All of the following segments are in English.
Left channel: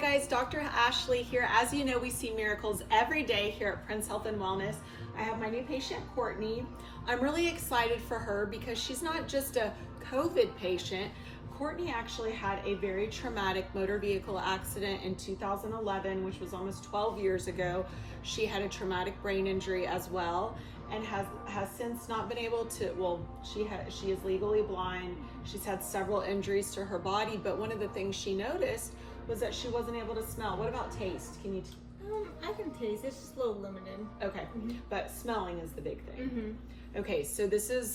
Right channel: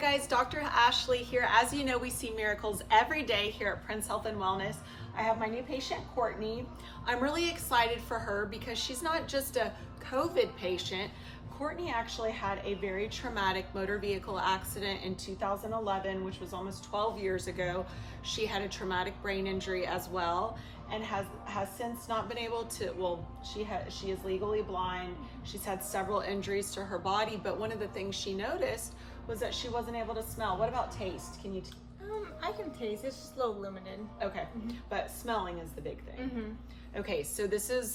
guys, Dr. Ashley here. As you know, we see miracles every day here at Prince Health and Wellness. I have my new patient, Courtney. I'm really excited for her because she's not just a COVID patient. Courtney actually had a very traumatic motor vehicle accident in 2011, which was almost 12 years ago. She had a traumatic brain injury as well and has since not been able to, well, she is legally blind. She's had several injuries to her body, but one of the things she noticed was that she wasn't able to smell. What about taste? Can you? I can taste. It's just a little limited. Okay, but smelling is the big thing. Okay, so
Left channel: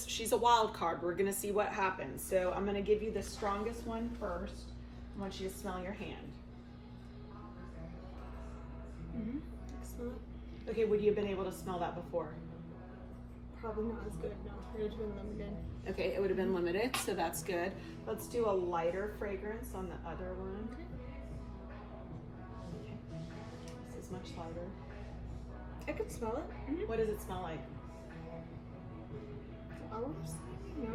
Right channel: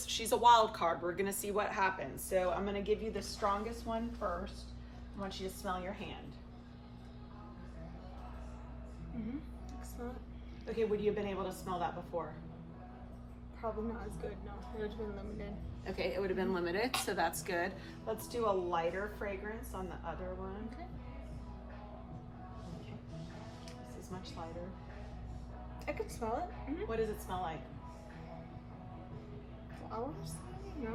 she's a wild card. We're gonna see what happens. So I'm gonna give you the strongest one first. I want you to smell your hand. Smell it. Okay, would you have been able to smell that before? Probably not as good. No, it would have been limited. Okay, it would have been limited, so that's good. Let's do a lighter fragrance on the other one. Okay. Okay. This is much lighter. I could smell it. What does it smell like? Flowers? No.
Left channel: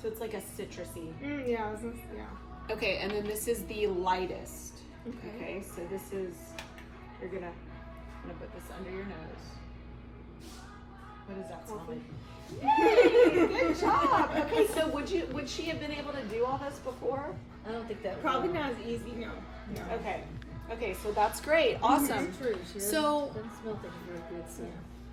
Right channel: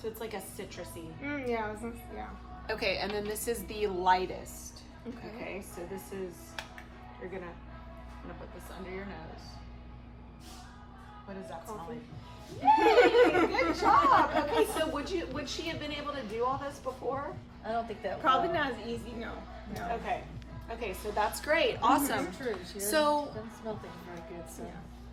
So it's like a citrusy. Yeah. Yeah. Okay, and then this is the lightest. Okay. Okay, so this is, I'm gonna put this under your nose. What does that smell Coffee. like? Yay, good job. Okay, so would she have been able to do all this before? I don't think that Probably not as easy. No. Okay, so that's great. Awesome. True. She So- doesn't smell things very good. So.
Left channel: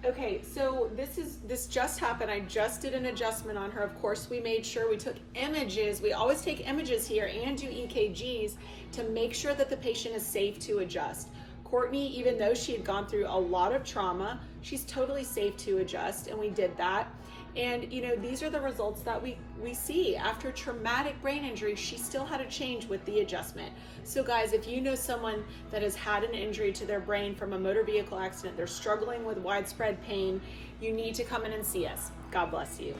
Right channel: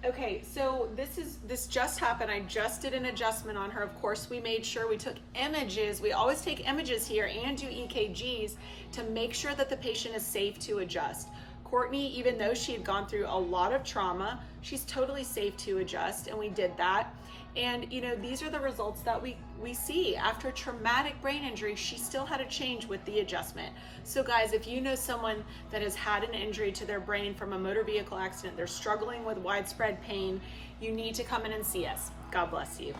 Okay, so this just happened. I just did an adjustment on her. Of course, we made sure we took images. We always take images here and do EKGs to make sure that the patient is safe to adjust. Courtney, even though she had gone through a lot of trauma, she's totally safe to adjust, and we did that. And you know, these are the results that we see. After traumatic brain injury, she still had a change with the adjustment. So guys, if you know someone that has had an injury to their brain from a motor vehicle accident, they're struggling with widespread pain, you need to come in and see us. God bless you.